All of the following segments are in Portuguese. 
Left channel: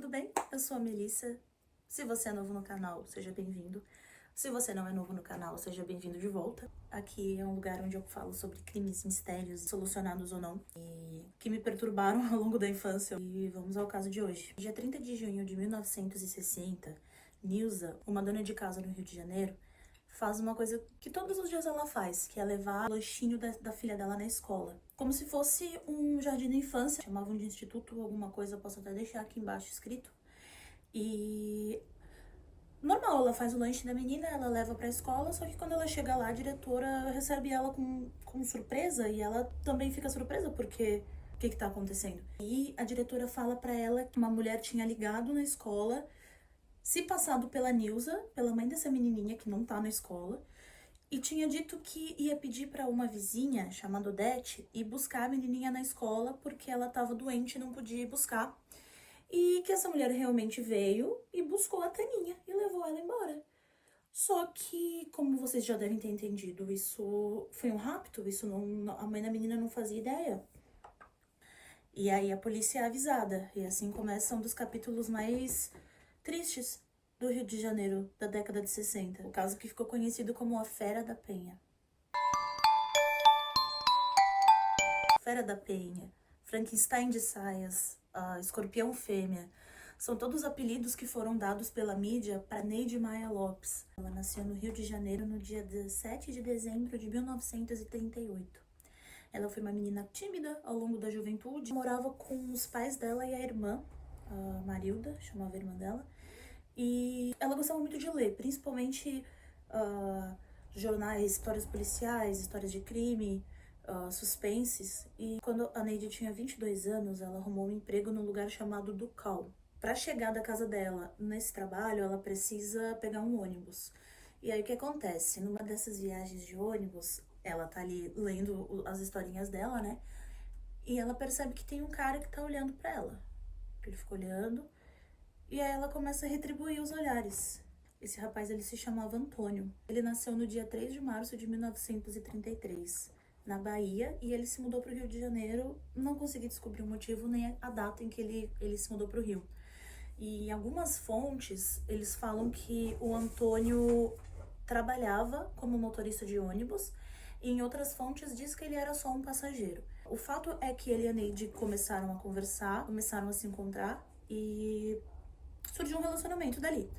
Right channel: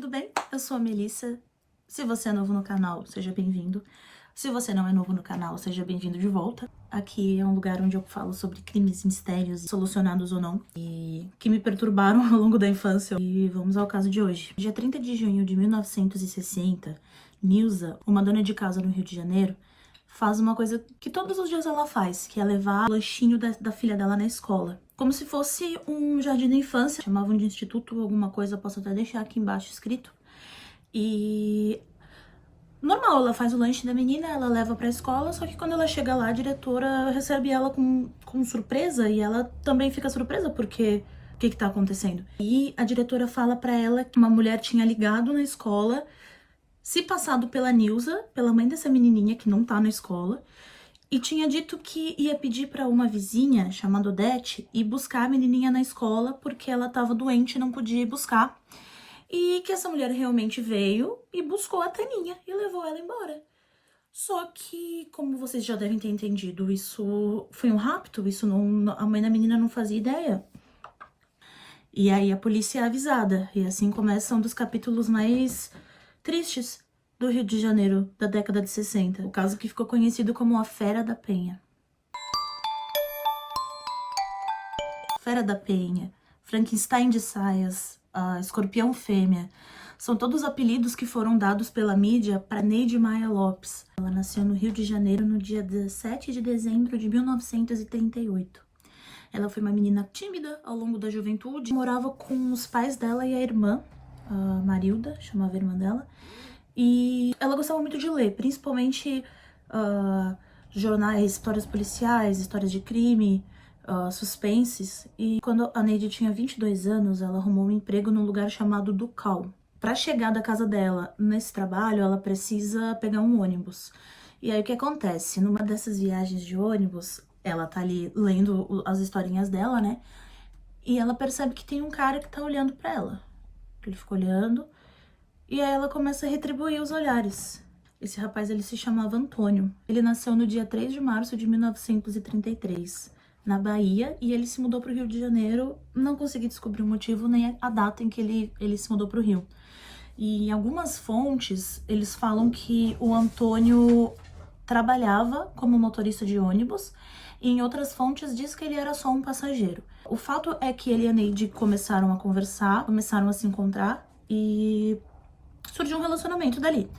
tudo bem? Eu sou a Melissa. Se você é novo no canal, seja bem-vindo. Se você não é novo no canal, seja bem-vindo de volta. Aqui é um lugar onde eu falo sobre crimes, mistérios, solucionados ou não, e que me perturbaram ao longo da infância. E vamos ao caso de hoje. Dia 30 de junho de 1960, Nilza, uma dona de casa no Rio de Janeiro, faz uma coisa que todos os dias ela faz, que é levar o lanchinho da filha dela na escola. Como se fosse um jardim da infância, chamavam de instituto ou alguma coisa, posso até deixar aqui embaixo escrito. E normal, ela faz o lanche da menina, ela leva pra escola, só que quando ela chega lá, a diretora recebe ela com surpresa, e ela também fica surpresa, porque o que tá acontecendo? E a diretora fala pra ela que uma mulher tinha ligado na escola, se passado pela Nilza, pela mãe dessa menininha que não tá na escola, e tinha dito que ia pedir pra uma vizinha, chamada Odete, ir buscar a menininha na escola, porque ela tava doente e não podia ir buscar. E que essa mulher realmente veio e buscou a Taninha e levou ela embora. Só que, como vocês já devem ter entendido, isso foi um rapto, isso não, a mãe da menina não fazia ideia. E aí a polícia é avisada, e assim começa um dos capítulos mais tristes do Rio de Janeiro da década de 60, o caso que ficou conhecido como a Fera da Penha. Fera da Penha, Frankenstein de saias, Escorpião Fêmea, são todos apelidos que foram dados pela mídia para Neide Maia Lopes. Ela nasceu no Rio de Janeiro no dia 17 de dezembro de 1938. Ela foi uma menina tímida ao longo da juventude, morava com os pais dela e a irmã, a Marilda, chamava a irmã dela, e ela gostava muito de ler, principalmente jornais, histórias policiais, histórias de crime, suspenses. E quando a Neide tinha 22 anos, ela arrumou um emprego num lugar chamado Ducal. Para chegar da casa dela nesse trabalho, ela precisa pegar um ônibus. E aí o que acontece? Numa dessas viagens de ônibus, ela tá ali lendo as historinhas dela, né? E ela percebe que tem um cara que tá olhando para ela. Ele fica olhando, e aí ela começa a retribuir os olhares. Esse rapaz, ele se chamava Antônio. Ele nasceu no dia 3 de março de 1933, na Bahia, e ele se mudou para o Rio de Janeiro. Não consegui descobrir o motivo nem a data em que ele se mudou para o Rio. E em algumas fontes, eles falam que o Antônio trabalhava como motorista de ônibus, e em outras fontes diz que ele era só um passageiro. O fato é que ele e a Neide começaram a conversar, começaram a se encontrar, e surgiu um relacionamento dali.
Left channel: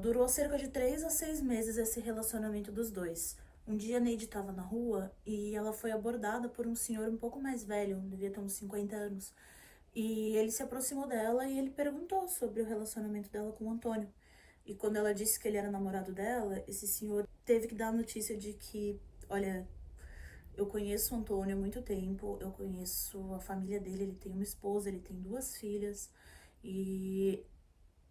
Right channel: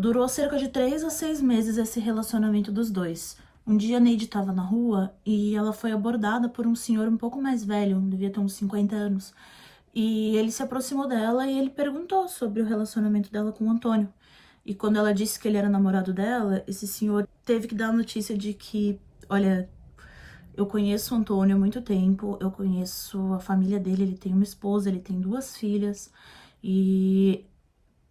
Durou cerca de 3 a 6 meses esse relacionamento dos dois. Um dia a Neide estava na rua e ela foi abordada por um senhor um pouco mais velho, devia ter uns 50 anos. E ele se aproximou dela e ele perguntou sobre o relacionamento dela com o Antônio. E quando ela disse que ele era namorado dela, esse senhor teve que dar a notícia de que, olha, eu conheço o Antônio há muito tempo, eu conheço a família dele, ele tem uma esposa, ele tem 2 filhas, e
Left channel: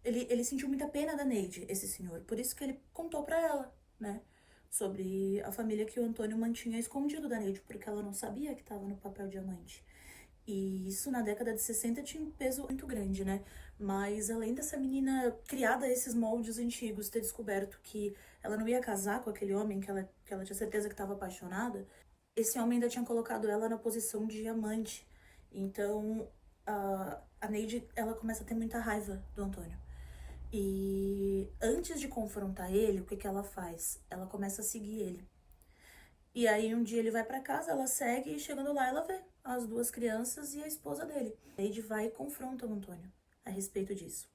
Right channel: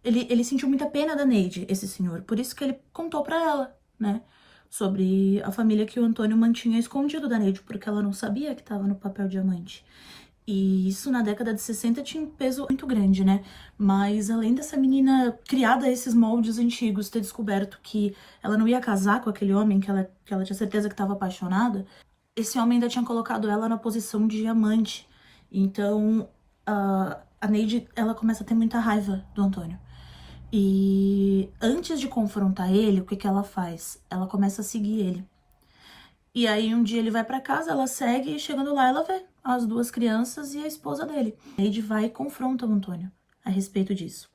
ele sentiu muita pena da Neide, esse senhor, por isso que ele contou pra ela, né, sobre a família que o Antônio mantinha escondido da Neide, porque ela não sabia que estava no papel diamante. E isso na década de 60 tinha um peso muito grande, né? Mas além dessa menina criada a esses moldes antigos, ter descoberto que ela não ia casar com aquele homem que ela tinha certeza que estava apaixonada, esse homem ainda tinha colocado ela na posição de diamante. Então a Neide, ela começa a ter muita raiva do Antônio. E antes de confrontar ele, o que que ela faz? Ela começa a seguir ele. E aí um dia ele vai pra casa, ela segue, e chegando lá ela vê as 2 crianças e a esposa dele. A Neide vai e confronta o Antônio a respeito disso.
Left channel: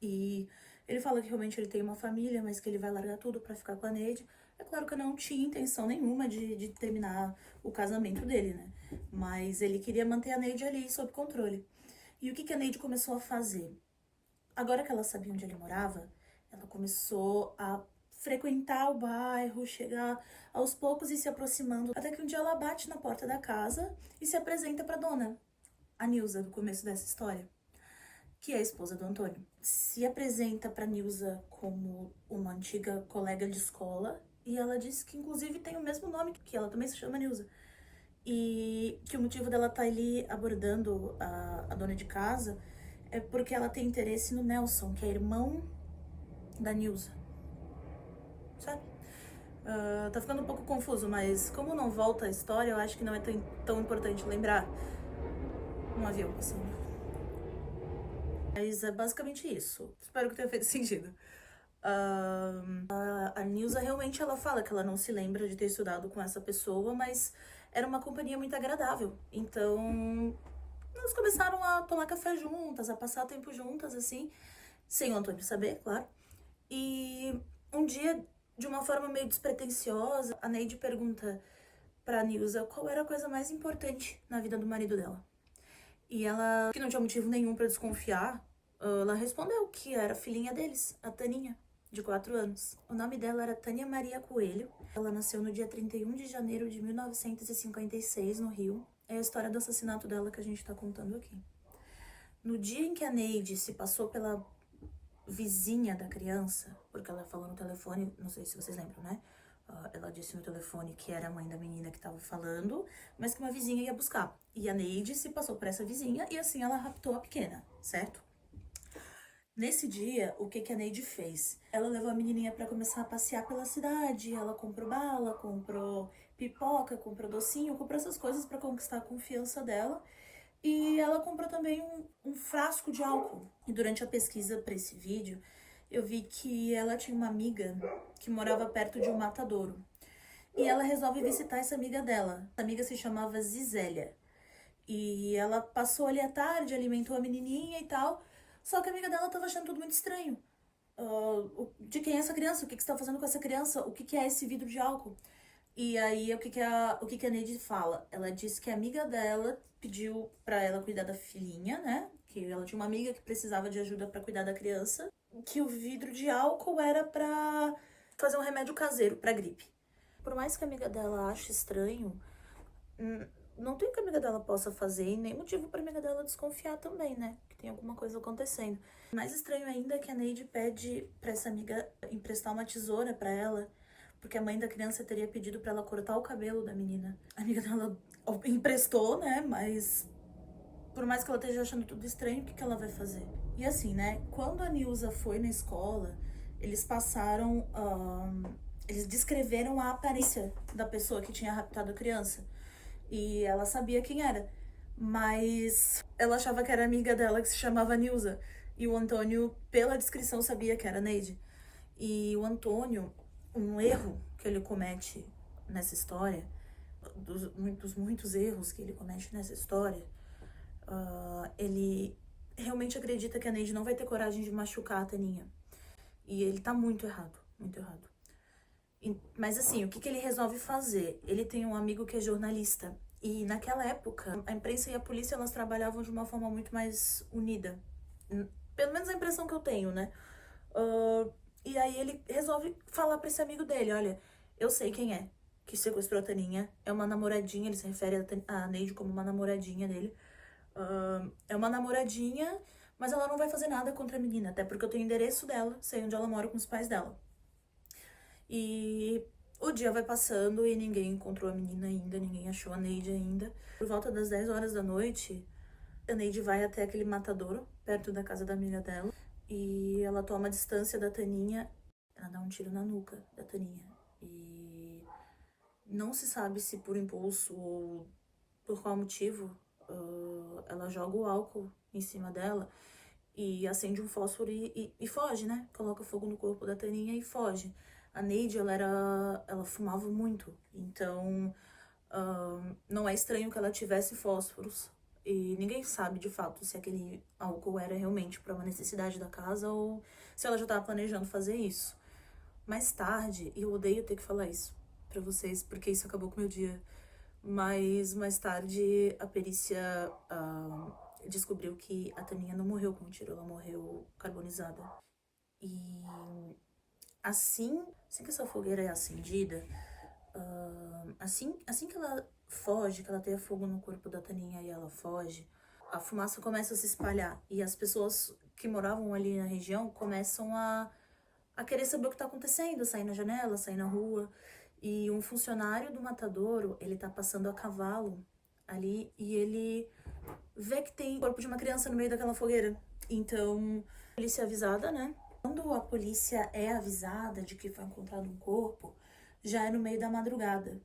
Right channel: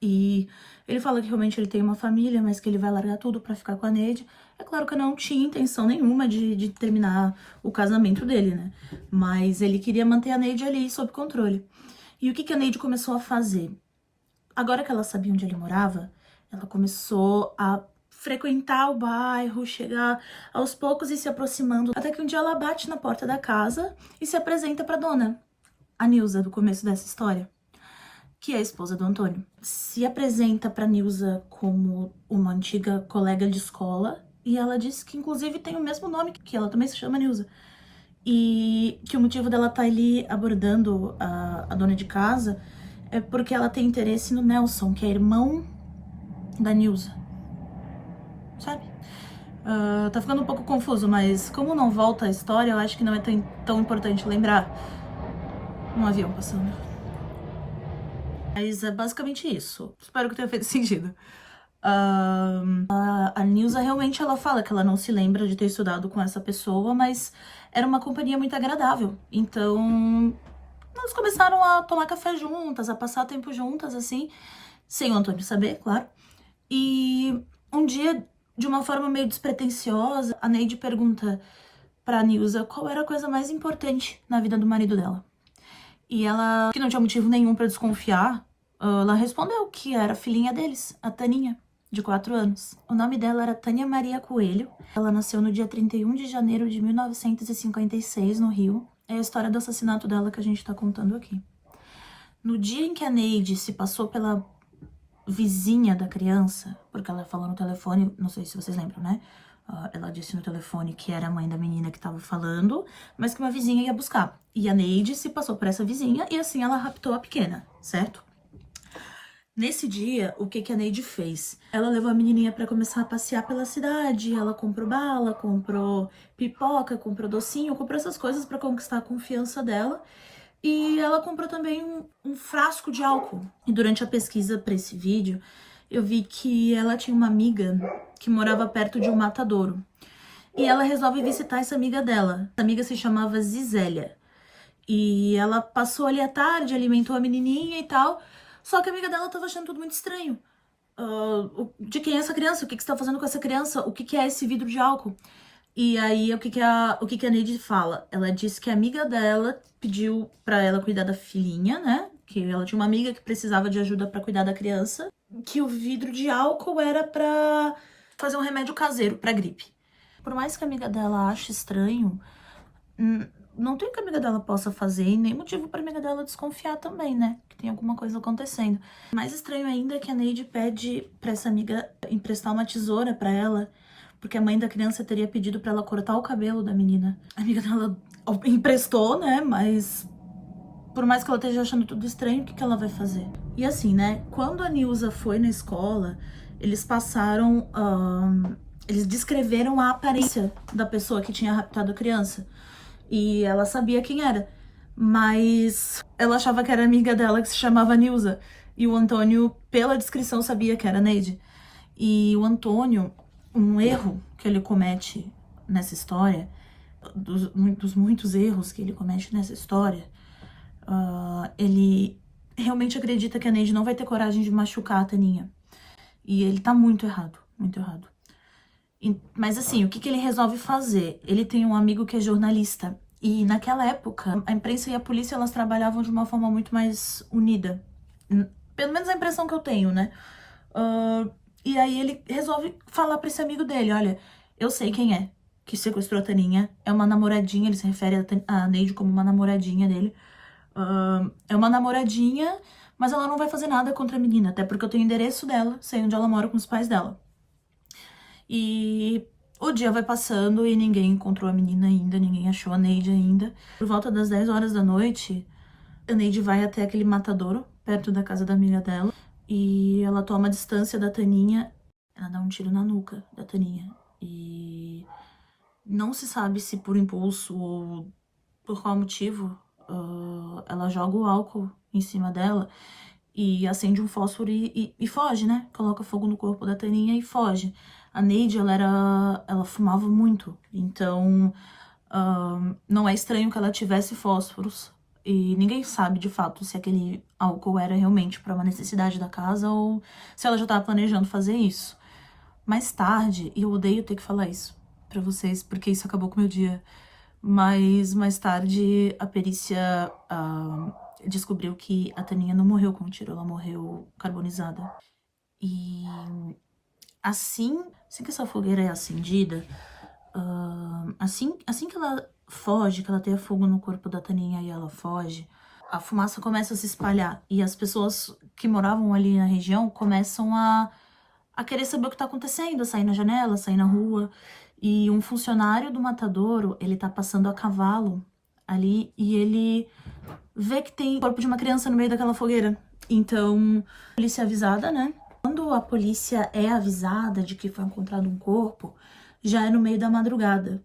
E ele fala que realmente ele tem uma família, mas que ele vai largar tudo pra ficar com a Neide. É claro que eu não tinha intenção nenhuma de terminar o casamento dele, né? Mas ele queria manter a Neide ali sob controle. E o que que a Neide começou a fazer? Agora que ela sabia onde ele morava, ela começou a frequentar o bairro, chegar aos poucos e se aproximando, até que um dia ela bate na porta da casa e se apresenta pra dona, a Nilza, do começo dessa história, que é a esposa do Antônio. Se apresenta pra Nilza como uma antiga colega de escola, e ela diz que inclusive tem o mesmo nome, que ela também se chama Nilza. E que o motivo dela estar ali abordando a dona de casa é porque ela tem interesse no Nelson, que é irmão da Nilza. Sabe? Tá ficando um pouco confuso, mas como não volta a história, eu acho que não é tão importante lembrar. Um avião passando. Mas é basicamente isso. Espero que tenha feito sentido. A Nilza realmente ela fala que ela não se lembra de ter estudado com essa pessoa, mas era uma companhia muito agradável. Então, nós começaram a tomar café juntas, a passar tempo juntas, assim, sem o Antônio saber, claro. E um dia, de uma forma meio despretensiosa, a Neide pergunta pra Nilza qual era a coisa mais importante na vida do marido dela. E ela, que não tinha motivo nenhum pra desconfiar, ela respondeu que era a filhinha deles, a Taninha, de 4 anos. O nome dela era Tânia Maria Coelho. Ela nasceu no dia 31 de janeiro de 1956, no Rio. É a história do assassinato dela que a gente tá contando aqui. No dia em que a Neide se passou pela vizinha da criança, porque ela falou no telefone, não sei se vocês lembram, né? Ela disse no telefone que era a mãe da menina que tava falando, mas que uma vizinha ia buscar. E a Neide se passou por essa vizinha e assim ela raptou a pequena, certo? Nesse dia, o que a Neide fez? Ela levou a menininha pra começar a passear pela cidade, ela comprou bala, comprou pipoca, comprou docinho, comprou essas coisas pra conquistar a confiança dela. E ela comprou também um frasco de álcool. E durante a pesquisa para esse vídeo, eu vi que ela tinha uma amiga que morava perto de um matadouro. E ela resolve visitar essa amiga dela. Essa amiga se chamava Zizélia. E ela passou ali à tarde, alimentou a menininha e tal. Só que a amiga dela tava achando tudo muito estranho. De quem é essa criança? O que você tá fazendo com essa criança? O que é esse vidro de álcool? E aí, o que a Neide fala? Ela disse que a amiga dela pediu pra ela cuidar da filhinha, né? Que ela tinha uma amiga que precisava de ajuda pra cuidar da criança. Que o vidro de álcool era pra fazer um remédio caseiro pra gripe. Por mais que a amiga dela ache estranho, não tem o que a amiga dela possa fazer e nem motivo pra amiga dela desconfiar também, né? Que tem alguma coisa acontecendo. Mais estranho ainda é que a Neide pede pra essa amiga emprestar uma tesoura pra ela, porque a mãe da criança teria pedido pra ela cortar o cabelo da menina. A amiga dela emprestou, né? Mas por mais que ela esteja achando tudo estranho, o que ela vai fazer? E assim, né? Quando a Nilza foi na escola, eles passaram. Eles descreveram a aparência da pessoa que tinha raptado a criança. E ela sabia quem era. Mas ela achava que era amiga dela que se chamava Nilza. E o Antônio, pela descrição, sabia que era Neide. E o Antônio, um erro que ele comete nessa história, dos muitos erros que ele comete nessa história, ele realmente acredita que a Neide não vai ter coragem de machucar a Taninha. E ele tá muito errado, muito errado. Mas assim, o que ele resolve fazer? Ele tem um amigo que é jornalista. E naquela época, a imprensa e a polícia, elas trabalhavam de uma forma muito mais unida. Pelo menos a impressão que eu tenho, né? E aí ele resolve falar pra esse amigo dele, olha, eu sei quem é que sequestrou a Taninha. É uma namoradinha, ele se refere a Neide como uma namoradinha dele. É uma namoradinha, mas ela não vai fazer nada contra a menina, até porque eu tenho o endereço dela, sei onde ela mora com os pais dela. E o dia vai passando e ninguém encontrou a menina ainda, ninguém achou a Neide ainda. Por volta das 10 horas da noite, a Neide vai até aquele matadouro, perto da casa da amiga dela, e ela toma a distância da Taninha, ela dá um tiro na nuca da Taninha. E não se sabe se por impulso ou por qual motivo, ela joga o álcool em cima dela e acende um fósforo e foge, né? Coloca fogo no corpo da Taninha e foge. A Neide, ela fumava muito, então não é estranho que ela tivesse fósforos. E ninguém sabe, de fato, se aquele álcool era realmente para uma necessidade da casa ou se ela já estava planejando fazer isso. Mais tarde, e eu odeio ter que falar isso pra vocês, porque isso acabou com o meu dia, mas mais tarde a perícia descobriu que a Taninha não morreu com um tiro, ela morreu carbonizada. E assim que essa fogueira é acendida, assim que ela foge, que ela tem fogo no corpo da Taninha e ela foge, a fumaça começa a se espalhar e as pessoas que moravam ali na região começam a querer saber o que tá acontecendo, a sair na janela, sair na rua. E um funcionário do matadouro, ele tá passando a cavalo ali e ele vê que tem o corpo de uma criança no meio daquela fogueira. Então, a polícia é avisada, né? Quando a polícia é avisada de que foi encontrado um corpo, já é no meio da madrugada.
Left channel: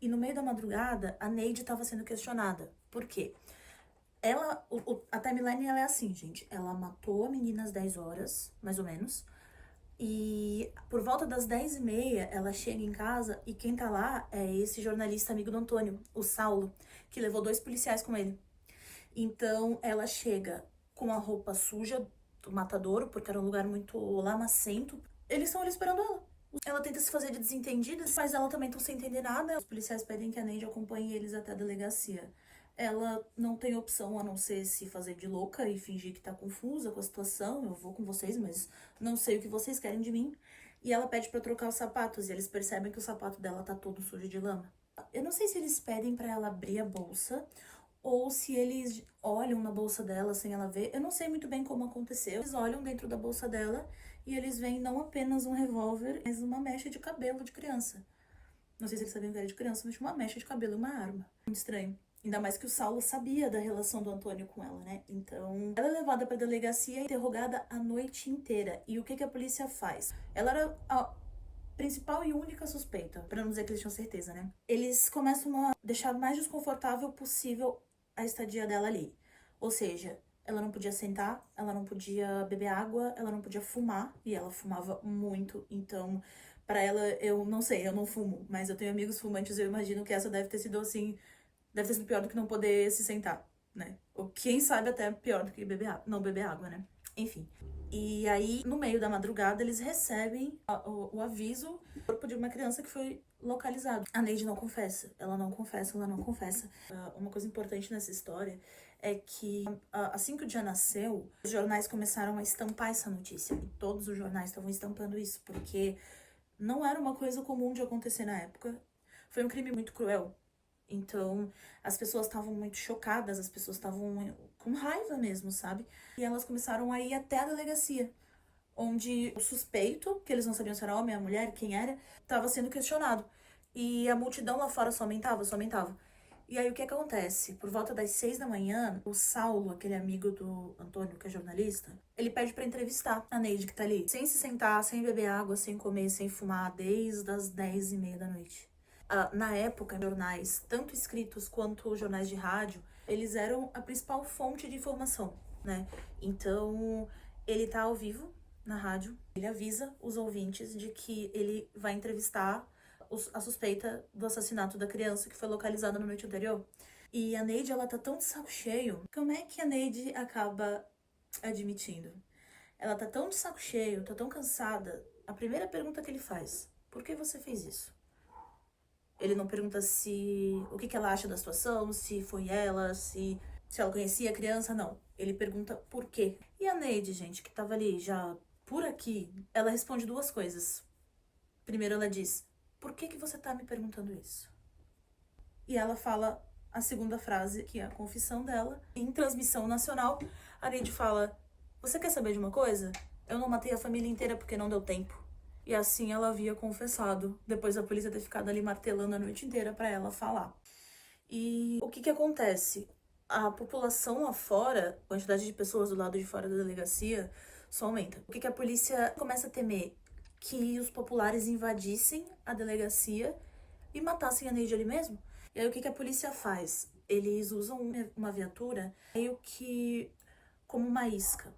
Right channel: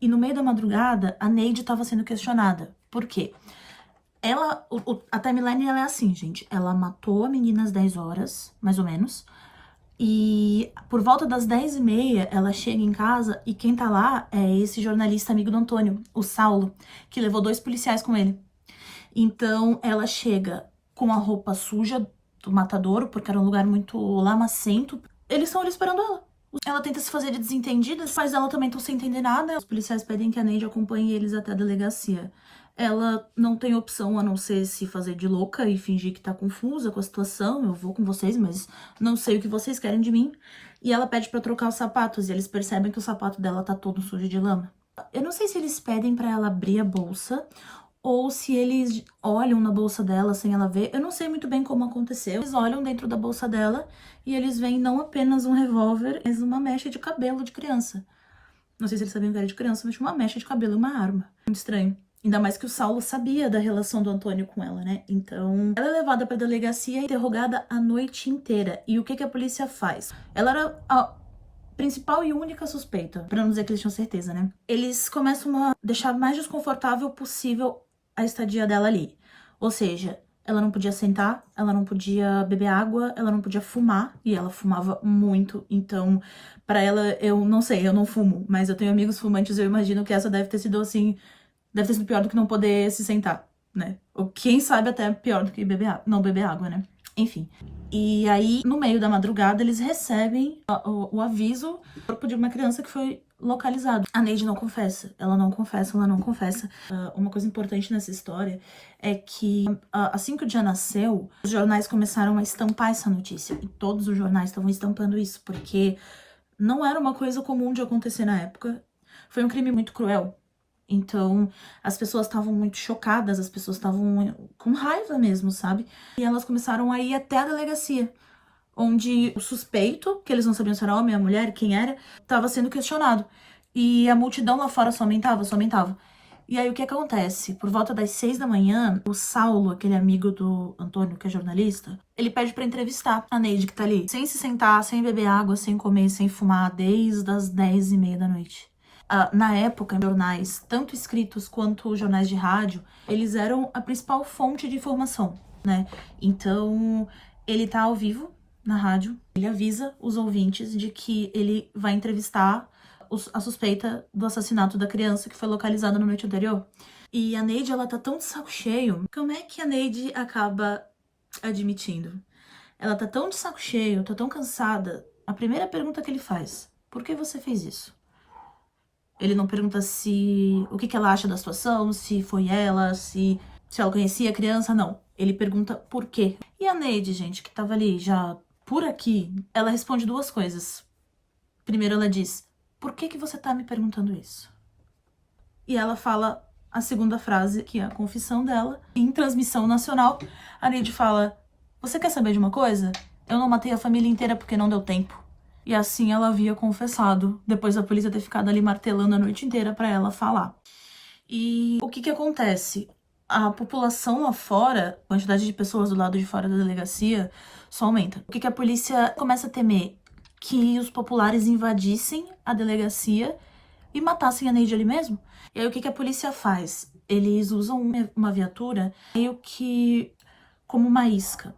E no meio da madrugada, a Neide estava sendo questionada. Por quê? A timeline ela é assim, gente. Ela matou a menina às 10 horas, mais ou menos. E por volta das 10h30, ela chega em casa e quem tá lá é esse jornalista amigo do Antônio, o Saulo, que levou 2 policiais com ele. Então ela chega com a roupa suja do matadouro, porque era um lugar muito lamacento. Eles estão ali esperando ela. Ela tenta se fazer de desentendida, os pais dela também estão sem entender nada. Os policiais pedem que a Neide acompanhe eles até a delegacia. Ela não tem opção a não ser se fazer de louca e fingir que tá confusa com a situação. Eu vou com vocês, mas não sei o que vocês querem de mim. E ela pede pra trocar os sapatos, e eles percebem que o sapato dela tá todo sujo de lama. Eu não sei se eles pedem pra ela abrir a bolsa ou se eles olham na bolsa dela sem ela ver. Eu não sei muito bem como aconteceu. Eles olham dentro da bolsa dela e eles veem não apenas um revólver, mas uma mecha de cabelo de criança. Não sei se eles sabiam que era de criança, mas tinha uma mecha de cabelo e uma arma. Muito estranho. Ainda mais que o Saulo sabia da relação do Antônio com ela, né? Então, ela é levada pra delegacia e interrogada a noite inteira. E o que que a polícia faz? Ela era a principal e única suspeita, pra não dizer que eles tinham certeza, né? Eles começam a deixar o mais desconfortável possível a estadia dela ali. Ou seja, ela não podia sentar, ela não podia beber água, ela não podia fumar, e ela fumava muito, então, pra ela, eu não sei, eu não fumo, mas eu tenho amigos fumantes, eu imagino que essa deve ter sido assim, deve ter sido pior do que não poder se sentar, né? Ou quem sabe até pior do que não beber água, né? Enfim. E aí, no meio da madrugada, eles recebem o aviso do corpo de uma criança que foi localizado. A Neide não confessa. Ela não confessa, ela não confessa. Uma coisa importante nessa história é que, assim que o dia nasceu, os jornais começaram a estampar essa notícia. E todos os jornais estavam estampando isso, porque não era uma coisa comum de acontecer na época. Foi um crime muito cruel. Então, as pessoas estavam muito chocadas, as pessoas estavam com raiva mesmo, sabe? E elas começaram a ir até a delegacia, onde o suspeito, que eles não sabiam se era homem ou mulher, quem era, estava sendo questionado. E a multidão lá fora só aumentava, só aumentava. E aí, o que acontece? Por volta das 6 da manhã, o Saulo, aquele amigo do Antônio, que é jornalista, ele pede pra entrevistar a Neide, que tá ali, sem se sentar, sem beber água, sem comer, sem fumar, desde as 10h30 da noite. Na época, jornais, tanto escritos quanto jornais de rádio, eles eram a principal fonte de informação, né? Então, ele tá ao vivo na rádio, ele avisa os ouvintes de que ele vai entrevistar a suspeita do assassinato da criança que foi localizada na noite anterior. E a Neide, ela tá tão de saco cheio. Como é que a Neide acaba admitindo? Ela tá tão de saco cheio, tá tão cansada. A primeira pergunta que ele faz: por que você fez isso? Ele não pergunta o que ela acha da situação, se foi ela, se ela conhecia a criança, não. Ele pergunta por quê. E a Neide, gente, que tava ali já por aqui, ela responde 2 coisas. Primeiro ela diz: por que você tá me perguntando isso? E ela fala a segunda frase, que é a confissão dela. Em transmissão nacional, a Neide fala: você quer saber de uma coisa? Eu não matei a família inteira porque não deu tempo. E assim ela havia confessado, depois da polícia ter ficado ali martelando a noite inteira pra ela falar. E o que acontece? A população lá fora, a quantidade de pessoas do lado de fora da delegacia, só aumenta. O que a polícia começa a temer? Que os populares invadissem a delegacia e matassem a Neide ali mesmo. E aí o que a polícia faz? Eles usam uma viatura meio que como uma isca.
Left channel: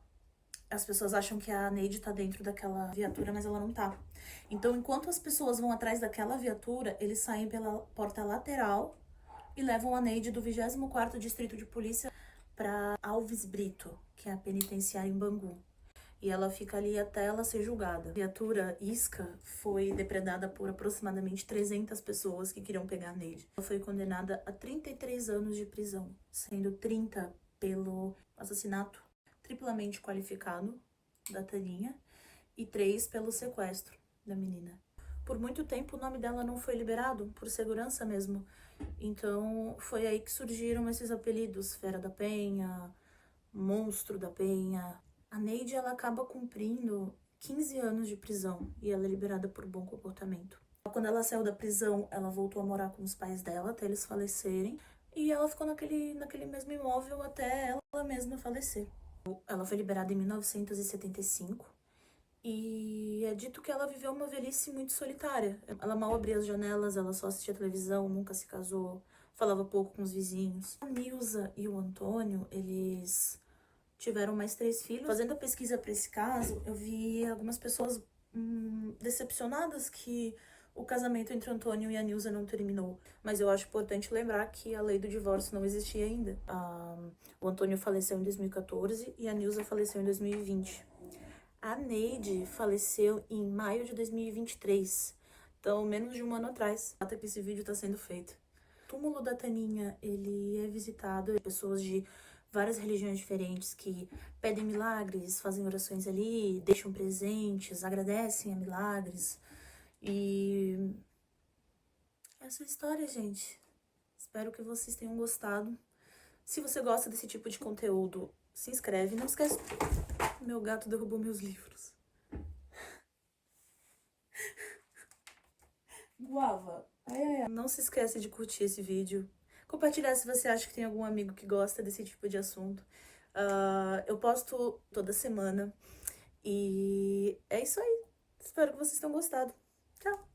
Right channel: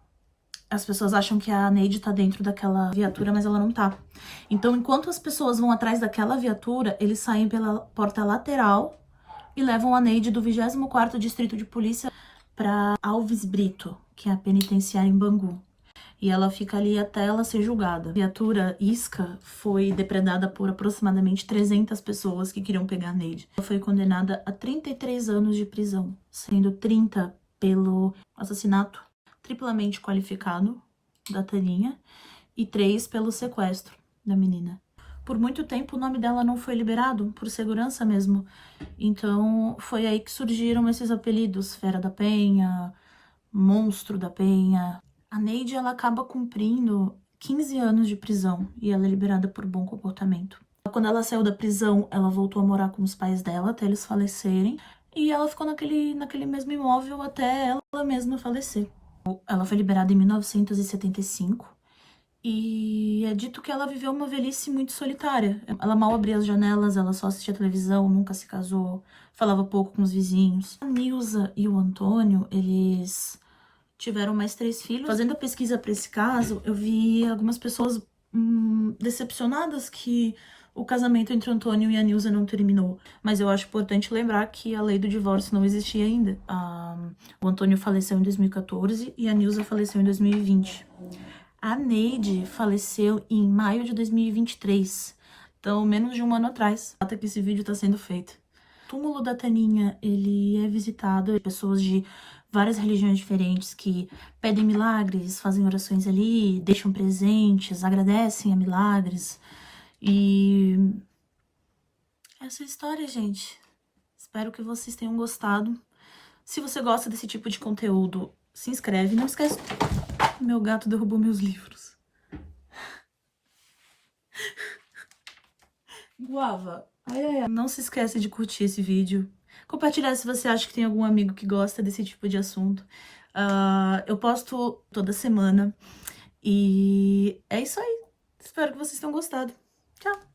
As pessoas acham que a Neide tá dentro daquela viatura, mas ela não tá. Então, enquanto as pessoas vão atrás daquela viatura, eles saem pela porta lateral e levam a Neide do 24º Distrito de Polícia para Alves Brito, que é a penitenciária em Bangu. E ela fica ali até ela ser julgada. A viatura Isca foi depredada por aproximadamente 300 pessoas que queriam pegar a Neide. Ela foi condenada a 33 anos de prisão, sendo 30 pelo assassinato triplamente qualificado da Taninha e 3 pelo sequestro da menina. Por muito tempo o nome dela não foi liberado, por segurança mesmo. Então foi aí que surgiram esses apelidos: Fera da Penha, Monstro da Penha. A Neide, ela acaba cumprindo 15 anos de prisão e ela é liberada por bom comportamento. Quando ela saiu da prisão, ela voltou a morar com os pais dela até eles falecerem. E ela ficou naquele mesmo imóvel até ela mesma falecer. Ela foi liberada em 1975 E é dito que ela viveu uma velhice muito solitária. Ela mal abria as janelas, ela só assistia televisão, nunca se casou, falava pouco com os vizinhos. A Nilza e o Antônio, eles tiveram mais 3 filhos. Fazendo a pesquisa para esse caso, eu vi algumas pessoas decepcionadas que o casamento entre o Antônio e a Nilza não terminou. Mas eu acho importante lembrar que a lei do divórcio não existia ainda. O Antônio faleceu em 2014 e a Nilza faleceu em 2020. A Neide faleceu em maio de 2023, então menos de um ano atrás, até que esse vídeo tá sendo feito. O túmulo da Taninha, ele é visitado por pessoas de várias religiões diferentes que pedem milagres, fazem orações ali, deixam presentes, agradecem a milagres. E essa é a história, gente. Espero que vocês tenham gostado. Se você gosta desse tipo de conteúdo, se inscreve. Não esquece... Meu gato derrubou meus livros. Guava. Ai, ai, ai. Não se esqueça de curtir esse vídeo. Compartilhar se você acha que tem algum amigo que gosta desse tipo de assunto. Eu posto toda semana. E é isso aí. Espero que vocês tenham gostado. Tchau!